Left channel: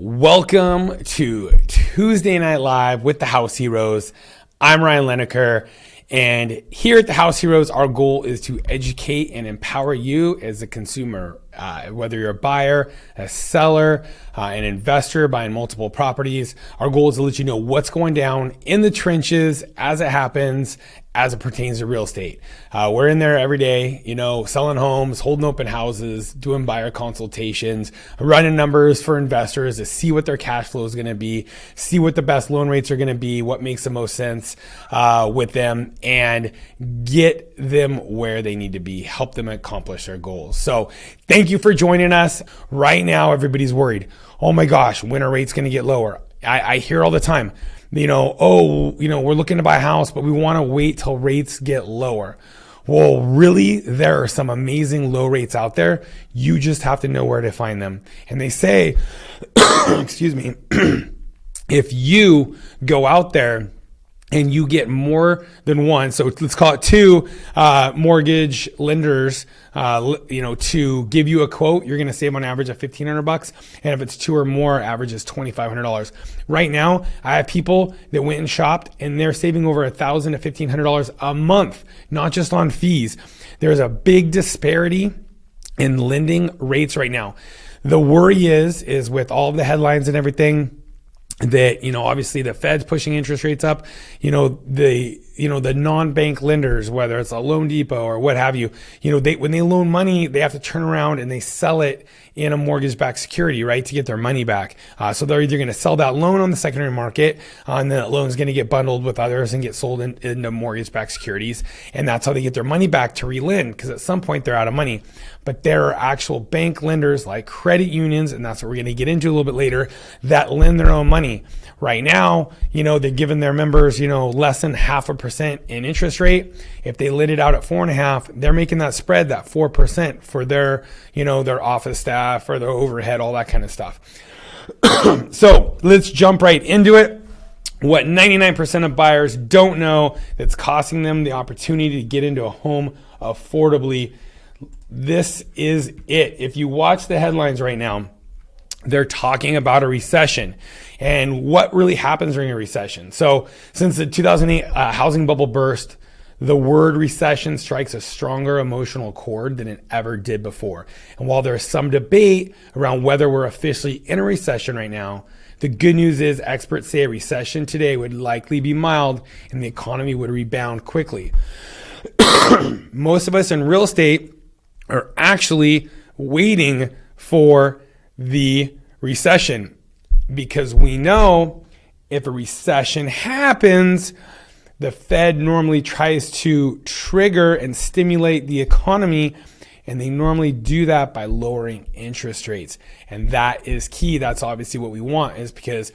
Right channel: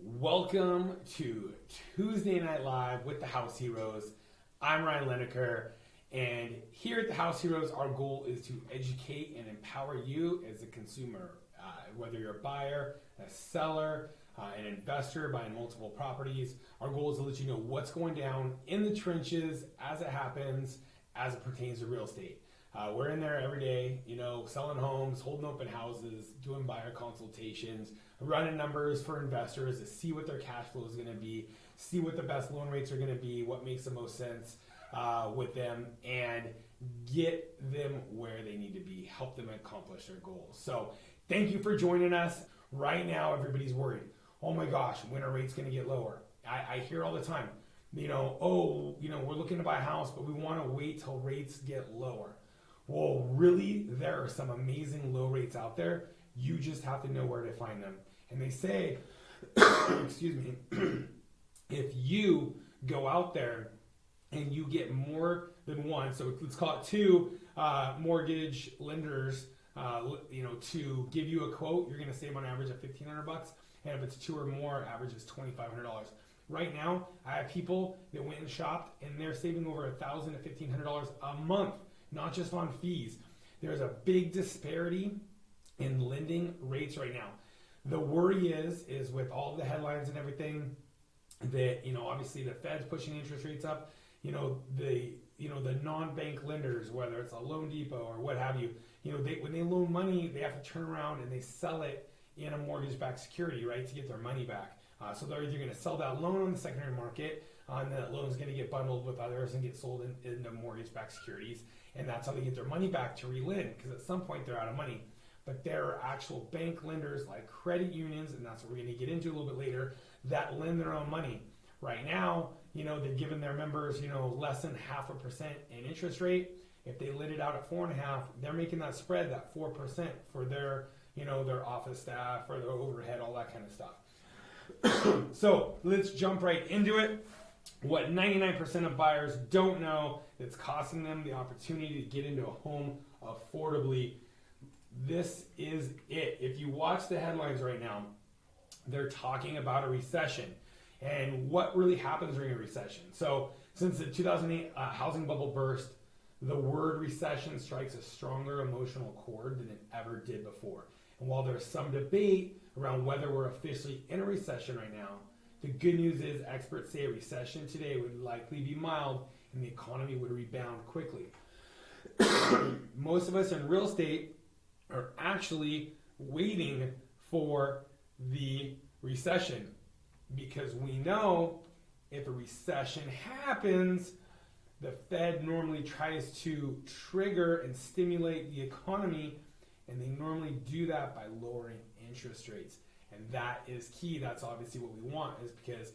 Welcome to Tuesday Night Live with the House Heroes. I'm Ryan Lineker, and here at the House Heroes, our goal is to educate and empower you as a consumer, whether you're a buyer, a seller, an investor buying multiple properties. Our goal is to let you know what's going down in the trenches as it happens, as it pertains to real estate. We're in there every day, selling homes, holding open houses, doing buyer consultations, running numbers for investors to see what their cash flow is going to be, see what the best loan rates are going to be, what makes the most sense with them, and get them where they need to be, help them accomplish their goals. So thank you for joining us. Right now, everybody's worried. Oh my gosh, when are rates going to get lower? I hear all the time. We're looking to buy a house, but we want to wait till rates get lower. Well, really, there are some amazing low rates out there. You just have to know where to find them. And they say, excuse me, if you go out there and you get more than one, so let's call it two mortgage lenders, to give you a quote, you're going to save on average of $1,500. And if it's two or more, average is $2,500. Right now, I have people that went and shopped and they're saving over $1,000 to $1,500 a month, not just on fees. There's a big disparity in lending rates right now. The worry is with all of the headlines and everything, that, obviously the Fed's pushing interest rates up, the non-bank lenders, whether it's a Loan Depot or what have you, when they loan money, they have to turn around and they sell it in a mortgage-backed security, right, to get their money back. So they're either going to sell that loan on the secondary market, and then that loan is going to get bundled with others and get sold into mortgage-backed securities. And that's how they get their money back to relend, because at some point they're out of money. But there are actual bank lenders like credit unions, and that's what we're going to get into a little bit later, that lend their own money. Right now, they're giving their members, less than 0.5% in interest rate. If they lend it out at 4.5%, they're making that spread, that 4% for their, their office staff or their overhead, all that kind of stuff. So let's jump right into it. What 99% of buyers don't know that's costing them the opportunity to get into a home affordably. This is it. If you watch the headlines right now, they're talking about a recession and what really happens during a recession. So since the 2008 housing bubble burst, the word recession strikes a stronger emotional chord than it ever did before. And while there's some debate around whether we're officially in a recession right now, the good news is experts say a recession today would likely be mild and the economy would rebound quickly. Most of us in real estate are actually waiting for the recession, because we know if a recession happens, the Fed normally tries to trigger and stimulate the economy, and they normally do that by lowering interest rates. And that is key. That's obviously what we want, is because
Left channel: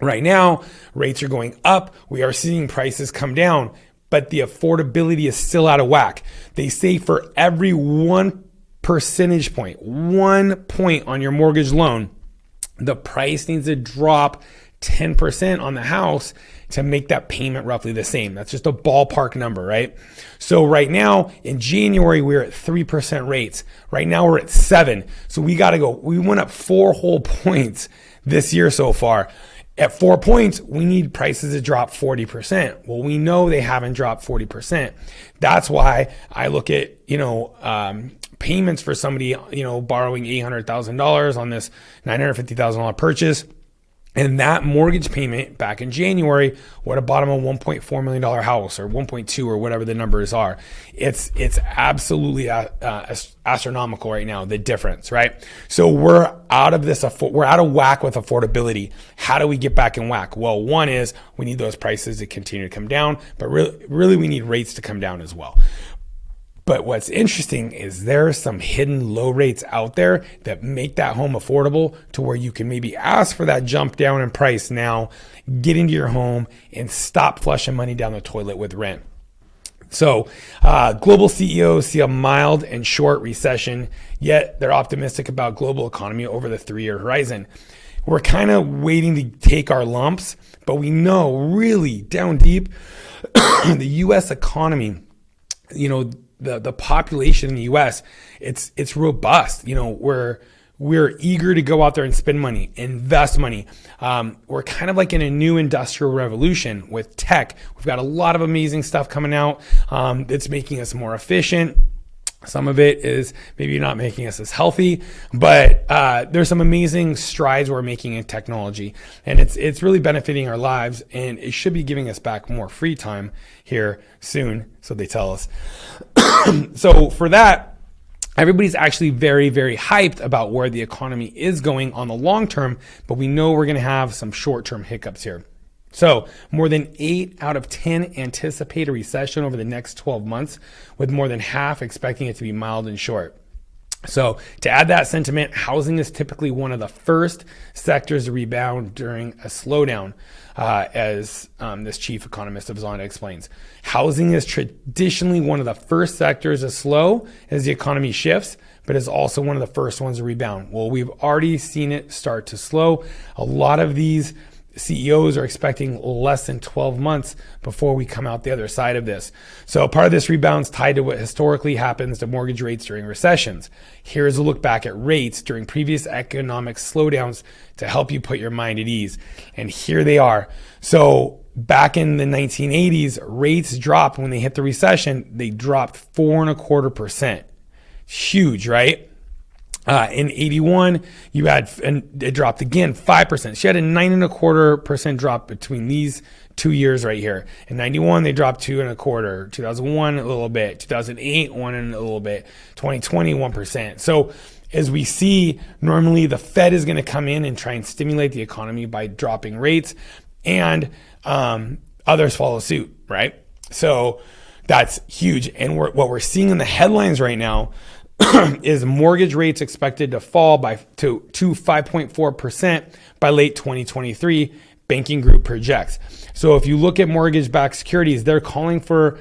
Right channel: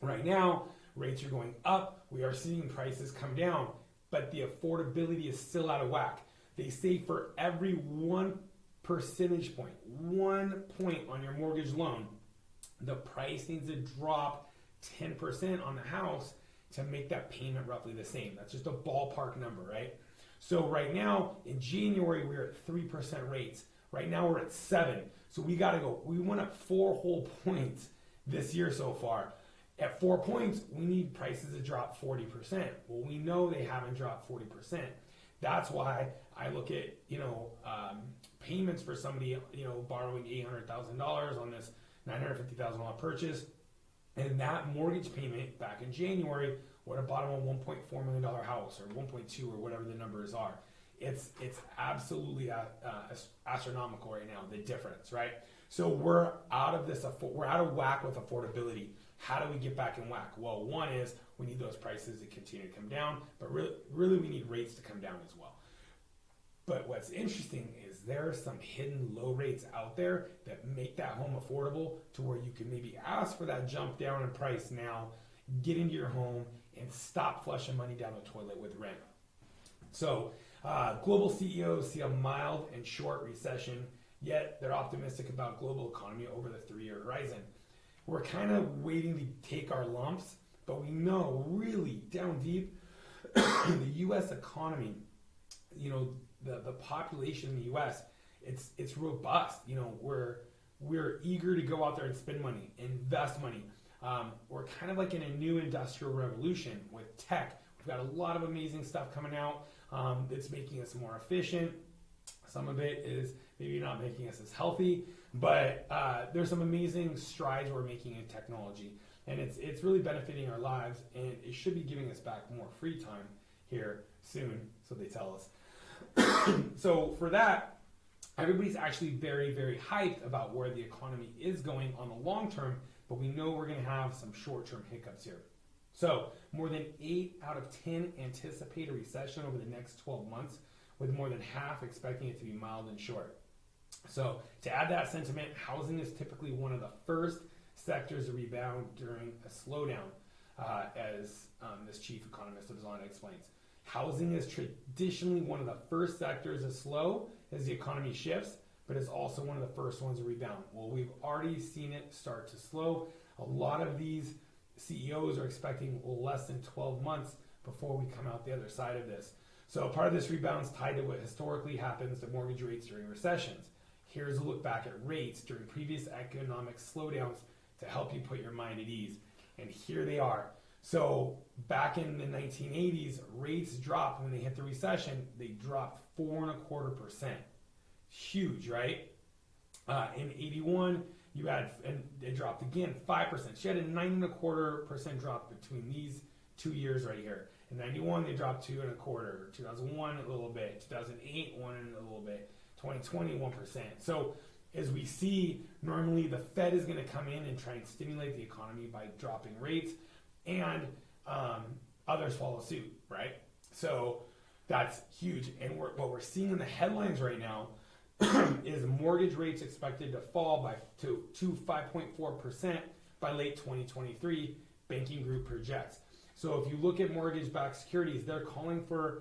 right now rates are going up. We are seeing prices come down, but the affordability is still out of whack. They say for every 1 percentage point, 1 point on your mortgage loan, the price needs to drop 10% on the house to make that payment roughly the same. That's just a ballpark number, right? So right now in January, we're at 3% rates. Right now we're at 7%. So we got to go. We went up 4 whole points this year so far. At 4 points, we need prices to drop 40%. Well, we know they haven't dropped 40%. That's why I look at, payments for somebody, borrowing $800,000 on this $950,000 purchase. And that mortgage payment back in January would have bought them a $1.4 million house, or 1.2, or whatever the numbers are. It's absolutely astronomical right now, the difference, right? So we're out of whack with affordability. How do we get back in whack? Well, one is we need those prices to continue to come down, but really we need rates to come down as well. But what's interesting is there are some hidden low rates out there that make that home affordable to where you can maybe ask for that jump down in price now, get into your home, and stop flushing money down the toilet with rent. So global CEOs see a mild and short recession, yet they're optimistic about global economy over the 3-year horizon. We're kind of waiting to take our lumps, but we know really down deep, the U.S. economy, the population in the U.S., it's robust. we're eager to go out there and spend money, invest money. We're kind of like in a new industrial revolution with tech. We've got a lot of amazing stuff coming out that's making us more efficient. Some of it is maybe not making us as healthy, but there's some amazing strides we're making in technology, and it's really benefiting our lives, and it should be giving us back more free time here soon, so they tell us. So for that, everybody's actually very, very hyped about where the economy is going on the long term, but we know we're going to have some short-term hiccups here. So more than 8 out of 10 anticipate a recession over the next 12 months, with more than half expecting it to be mild and short. So to add that sentiment, housing is typically one of the first sectors to rebound during a slowdown, as this chief economist of Zonda explains. Housing is traditionally one of the first sectors to slow as the economy shifts, but is also one of the first ones to rebound. Well, we've already seen it start to slow. A lot of these CEOs are expecting less than 12 months before we come out the other side of this. So part of this rebound is tied to what historically happens to mortgage rates during recessions. Here's a look back at rates during previous economic slowdowns to help you put your mind at ease. And here they are. So back in the 1980s, rates dropped when they hit the recession. They dropped 4.25%. Huge, right? In 81, you had, and it dropped again 5%. She had a 9.25% drop between these 2 years right here. In 91, they dropped 2.25. 2001, a little bit. 2008, 1 and a little bit. 2020, 1%. So as we see, normally the Fed is going to come in and try and stimulate the economy by dropping rates, and others follow suit, right? So that's huge. And what we're seeing in the headlines right now is mortgage rates expected to fall to 5.4% by late 2023, banking group projects. So if you look at mortgage-backed securities, they're calling for,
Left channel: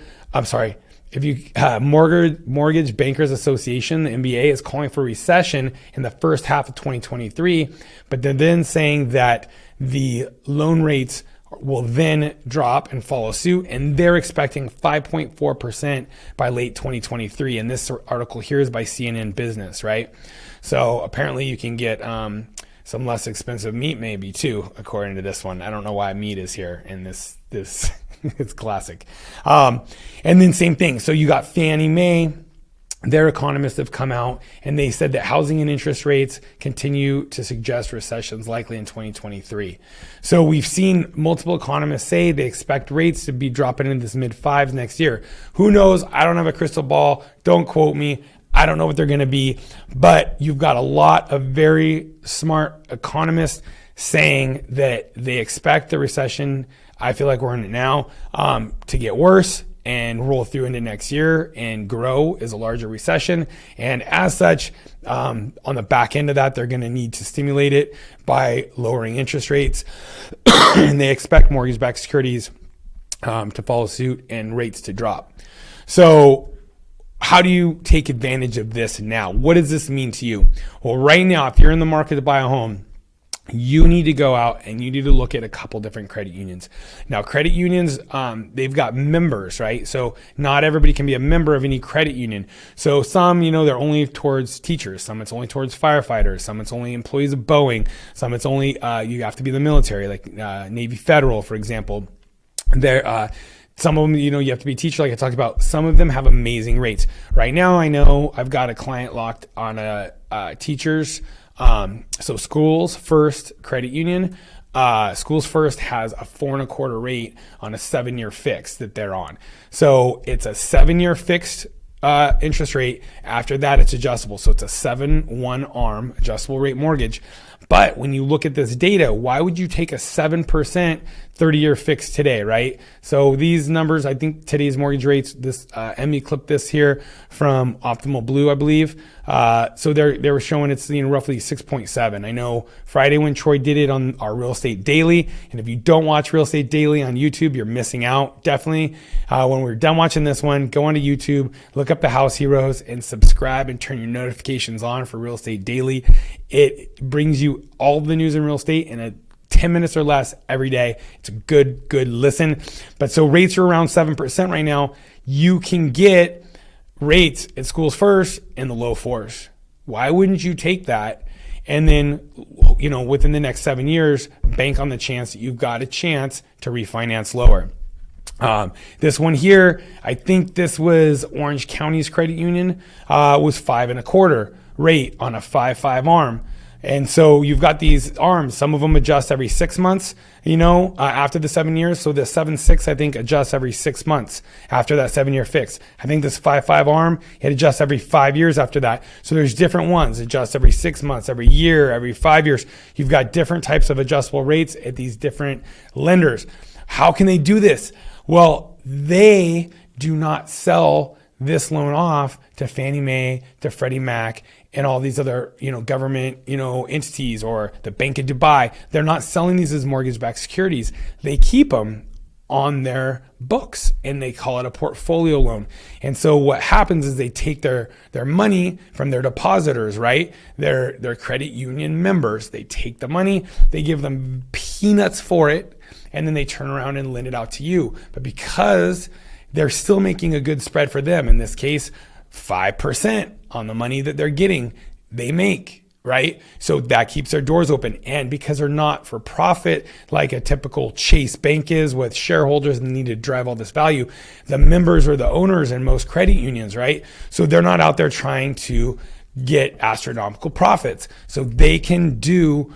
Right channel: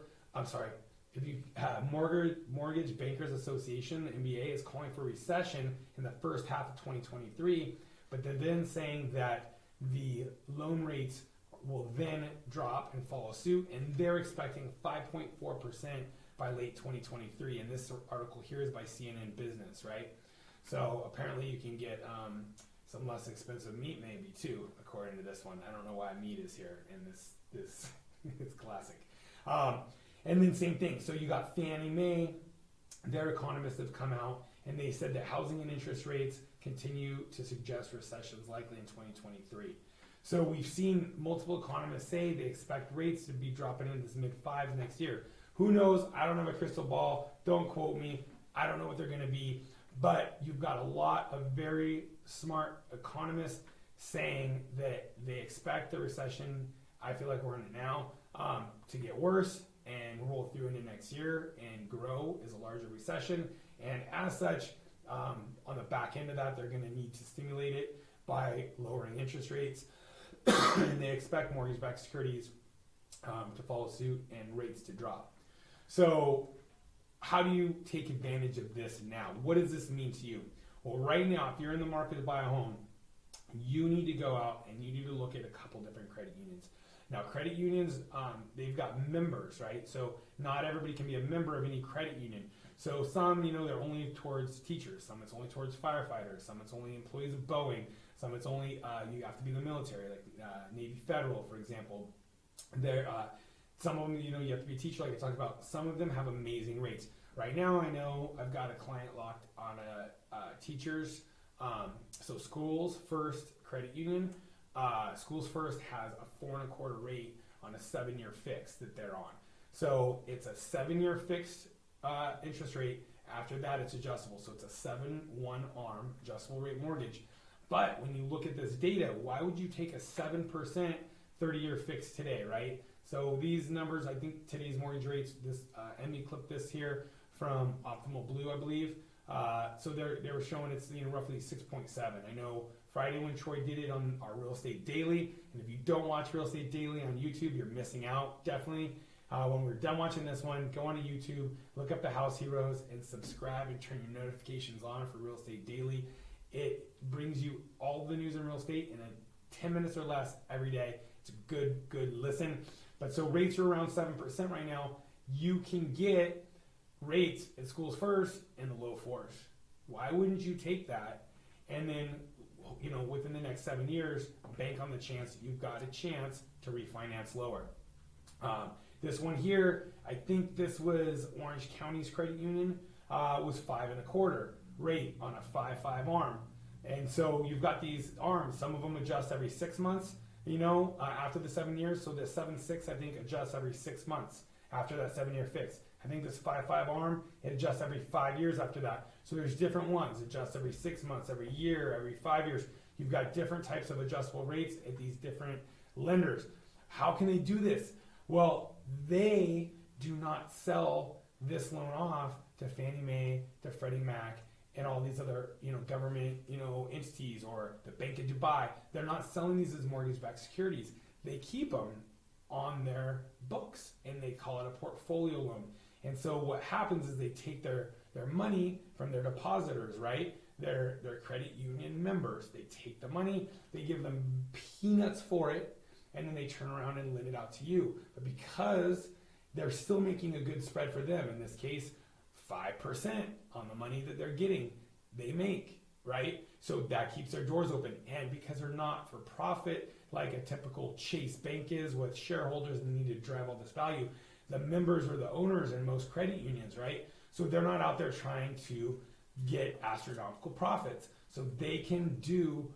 Mortgage Bankers Association, the MBA, is calling for recession in the first half of 2023, but they're then saying that the loan rates will then drop and follow suit, and they're expecting 5.4% by late 2023. And this article here is by CNN Business, right? So apparently you can get some less expensive meat maybe too, according to this one. I don't know why meat is here in this it's classic. And then same thing. So you got Fannie Mae. Their economists have come out and they said that housing and interest rates continue to suggest recessions likely in 2023. So we've seen multiple economists say they expect rates to be dropping into this mid-5s next year. Who knows? I don't have a crystal ball. Don't quote me. I don't know what they're going to be, but you've got a lot of very smart economists saying that they expect the recession, I feel like we're in it now, to get worse and roll through into next year and grow as a larger recession. And as such, on the back end of that, they're going to need to stimulate it by lowering interest rates. And they expect mortgage-backed securities to follow suit and rates to drop. So how do you take advantage of this now? What does this mean to you? Well, right now, if you're in the market to buy a home, you need to go out and you need to look at a couple different credit unions. Now, credit unions, they've got members, right? So not everybody can be a member of any credit union. So some, they're only towards teachers. Some it's only towards firefighters. Some it's only employees of Boeing. Some it's only, you have to be in the military, like Navy Federal, for example. Some of them, you have to be a teacher, like I talked about. Some of them have amazing rates. Right now, I know I've got a client locked on a teacher's. So Schools First Credit Union, Schools First has a 4.25 rate on a 7-year fix that they're on. So it's a 7-year fixed interest rate. After that, it's adjustable. So it's a 7/1 ARM adjustable rate mortgage. But when you look at this data, why would you take a 7% 30-year fix today, right? So these numbers, I think today's mortgage rates, this Emmy clipped this here from Optimal Blue, I believe. So they were showing it's roughly 6.7. I know Friday when Troy did it on our Real Estate Daily, and if you don't watch Real Estate Daily on YouTube, you're missing out. Definitely, when we're done watching this one, go onto YouTube, look up the House Heroes, and subscribe and turn your notifications on for Real Estate Daily. It brings you all the news in real estate in 10 minutes or less every day. It's a good listen. But so rates are around 7% right now. You can get rates at Schools First in the low 4s. Why wouldn't you take that And then, within the next 7 years, bank on the chance that you've got a chance to refinance lower. This one here, I think this was Orange County's credit union, was 5.25% rate on a 5.5 arm. And so you've got these arms. Some of them adjust every 6 months, after the 7 years. So the 7.6, I think, adjusts every 6 months after that 7-year fix. I think this 5.5 arm, it adjusts every 5 years after that. So there's different ones, adjust every 6 months, every year, every 5 years. You've got different types of adjustable rates at these different lenders. How can they do this? Well, they do not sell this loan off to Fannie Mae, to Freddie Mac, and all these other, government, entities, or the Bank of Dubai. They're not selling these as mortgage-backed securities. They keep them on their books and they call it a portfolio loan. And so what happens is they take their money from their depositors, right? Their credit union members. They take the money, they give them peanuts for it, and then they turn around and lend it out to you. But because they're still making a good spread for them, in this case, 5% on the money that they're getting, they make, right? So that keeps their doors open. And because they're not for profit, like a typical Chase Bank is with shareholders and need to drive all this value, the members are the owners in most credit unions, right? So they're not out there trying to get astronomical profits. So they can do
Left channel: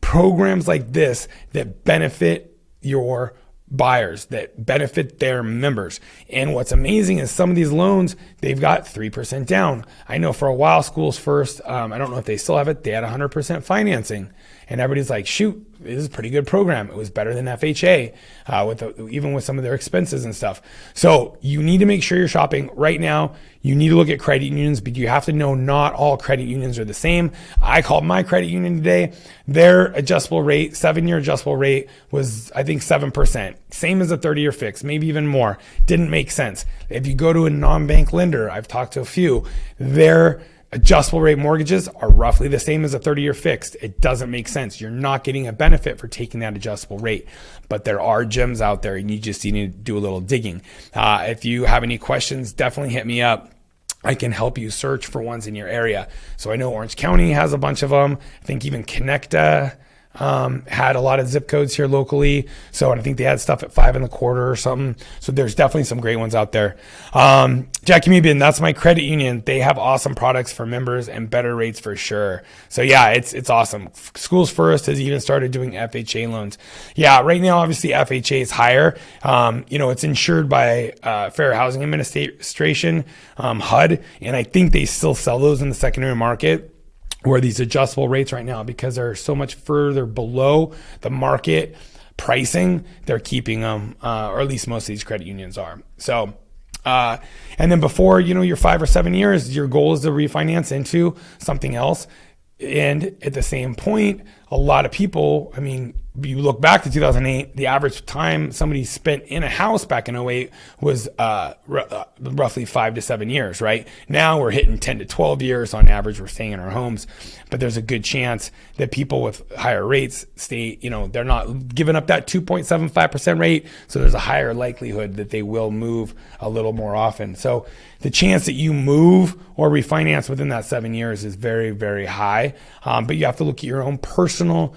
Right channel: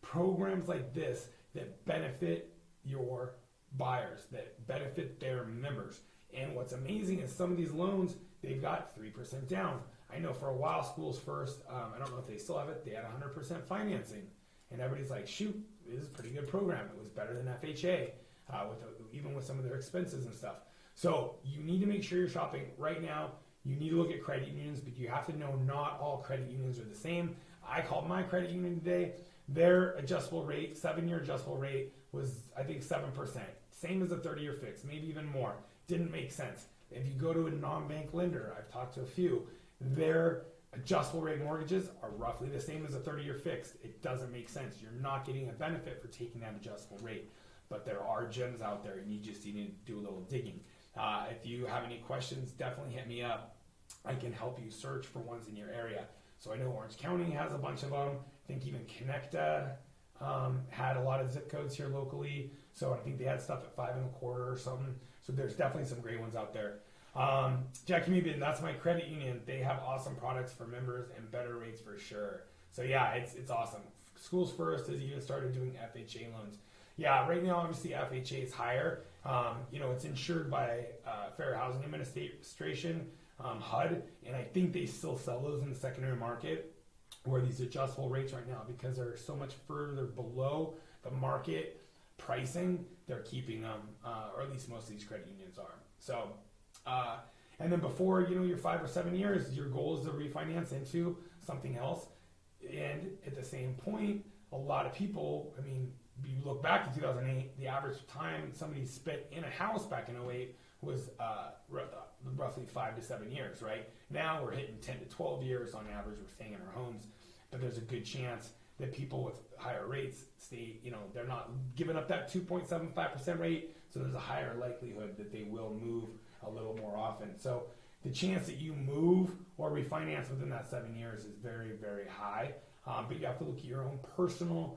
programs like this that benefit your buyers, that benefit their members. And what's amazing is some of these loans, they've got 3% down. I know for a while, Schools First, I don't know if they still have it, they had 100% financing. And everybody's like, shoot, this is a pretty good program. It was better than FHA, even with some of their expenses and stuff. So you need to make sure you're shopping right now. You need to look at credit unions, but you have to know not all credit unions are the same. I called my credit union today. Their adjustable rate, 7-year adjustable rate, was, I think, 7%. Same as a 30-year fix, maybe even more. Didn't make sense. If you go to a non-bank lender, I've talked to a few, their adjustable rate mortgages are roughly the same as a 30-year fixed. It doesn't make sense. You're not getting a benefit for taking that adjustable rate. But there are gems out there and you just need to do a little digging. If you have any questions, definitely hit me up. I can help you search for ones in your area. So I know Orange County has a bunch of them. I think even Connecta had a lot of zip codes here locally. So, and I think they had stuff at 5.25 or something. So there's definitely some great ones out there. Jackie Meebin, that's my credit union. They have awesome products for members and better rates for sure. So yeah, it's awesome. Schools First has even started doing FHA loans. Yeah, right now, obviously FHA is higher. It's insured by Fair Housing Administration, HUD, and I think they still sell those in the secondary market, where these adjustable rates right now, because they're so much further below the market pricing, they're keeping them, or at least most of these credit unions are. So, and then before, your 5 or 7 years, your goal is to refinance into something else. And at the same point, a lot of people, you look back to 2008, the average time somebody spent in a house back in '08 was roughly 5 to 7 years, right? Now we're hitting 10 to 12 years on average. We're staying in our homes, but there's a good chance that people with higher rates stay, they're not giving up that 2.75% rate. So there's a higher likelihood that they will move a little more often. So the chance that you move or refinance within that 7 years is very, very high. But you have to look at your own personal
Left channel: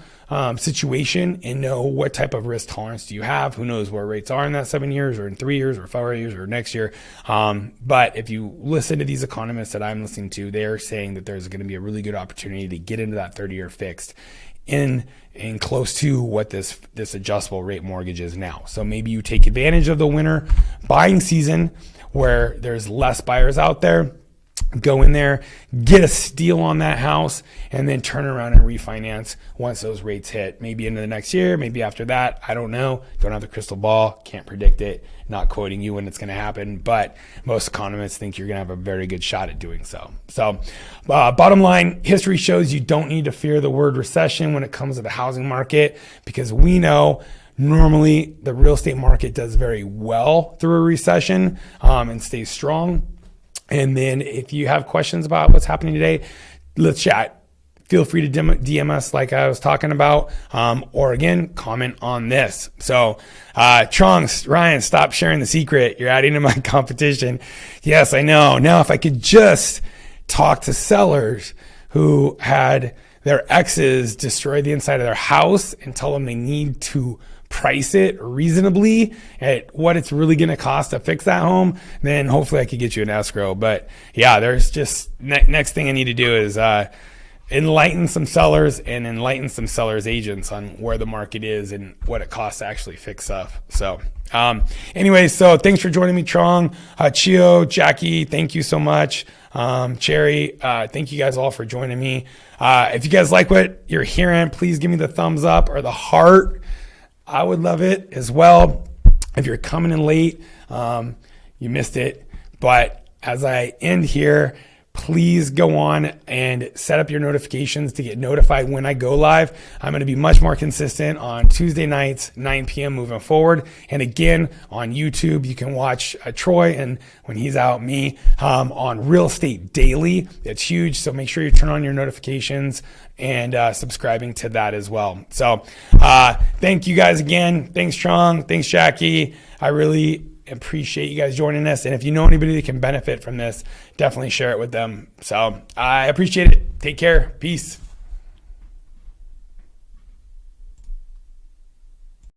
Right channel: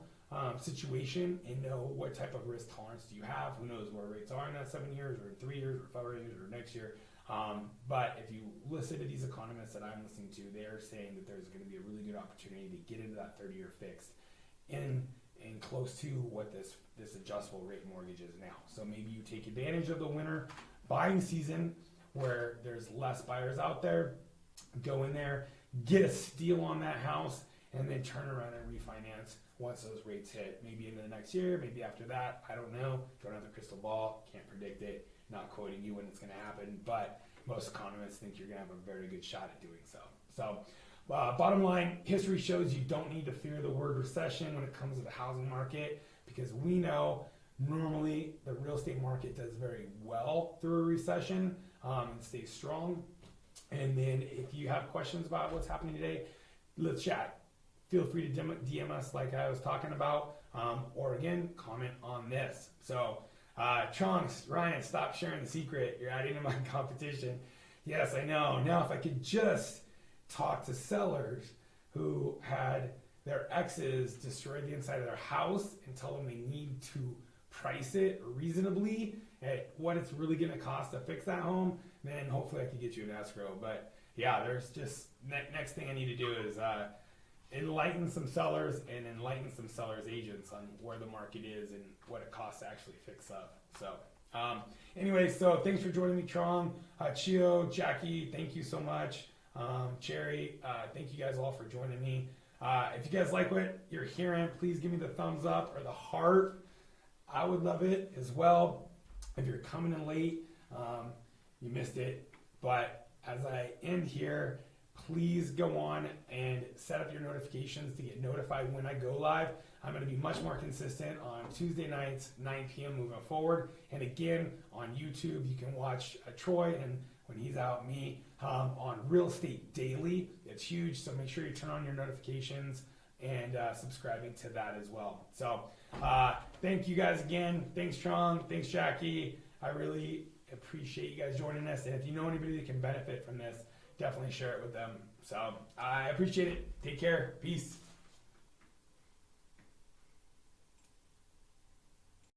situation and know what type of risk tolerance do you have. Who knows where rates are in that 7 years or in 3 years or 4 years or next year. But if you listen to these economists that I'm listening to, they're saying that there's going to be a really good opportunity to get into that 30-year fixed in close to what this adjustable rate mortgage is now. So maybe you take advantage of the winter buying season where there's less buyers out there. Go in there, get a steal on that house, and then turn around and refinance once those rates hit. Maybe into the next year, maybe after that. I don't know. Don't have the crystal ball. Can't predict it. Not quoting you when it's going to happen. But most economists think you're going to have a very good shot at doing so. So bottom line, history shows you don't need to fear the word recession when it comes to the housing market, because we know normally the real estate market does very well through a recession and stays strong. And then if you have questions about what's happening today, let's chat. Feel free to DM us like I was talking about, or again, comment on this. So Trunks, Ryan, stop sharing the secret. You're adding to my competition. Yes, I know. Now, if I could just talk to sellers who had their exes destroy the inside of their house and tell them they need to price it reasonably at what it's really going to cost to fix that home, then hopefully I could get you an escrow. But yeah, there's just next thing I need to do is enlighten some sellers and enlighten some sellers agents on where the market is and what it costs to actually fix stuff. So anyway, so thanks for joining me, Trong, Chio, Jackie, thank you so much. Cherry, thank you guys all for joining me. If you guys like what you're hearing, please give me the thumbs up or the heart. I would love it as well. If you're coming in late, you missed it. But as I end here, please go on and set up your notifications to get notified when I go live. I'm going to be much more consistent on Tuesday nights, 9 p.m. moving forward. And again, on YouTube, you can watch Troy and when he's out, me on Real Estate Daily. It's huge. So make sure you turn on your notifications and subscribing to that as well. So thank you guys again. Thanks, Trong. Thanks, Jackie. I really appreciate you guys joining us. And if you know anybody that can benefit from this, definitely share it with them. So I appreciate it. Take care. Peace.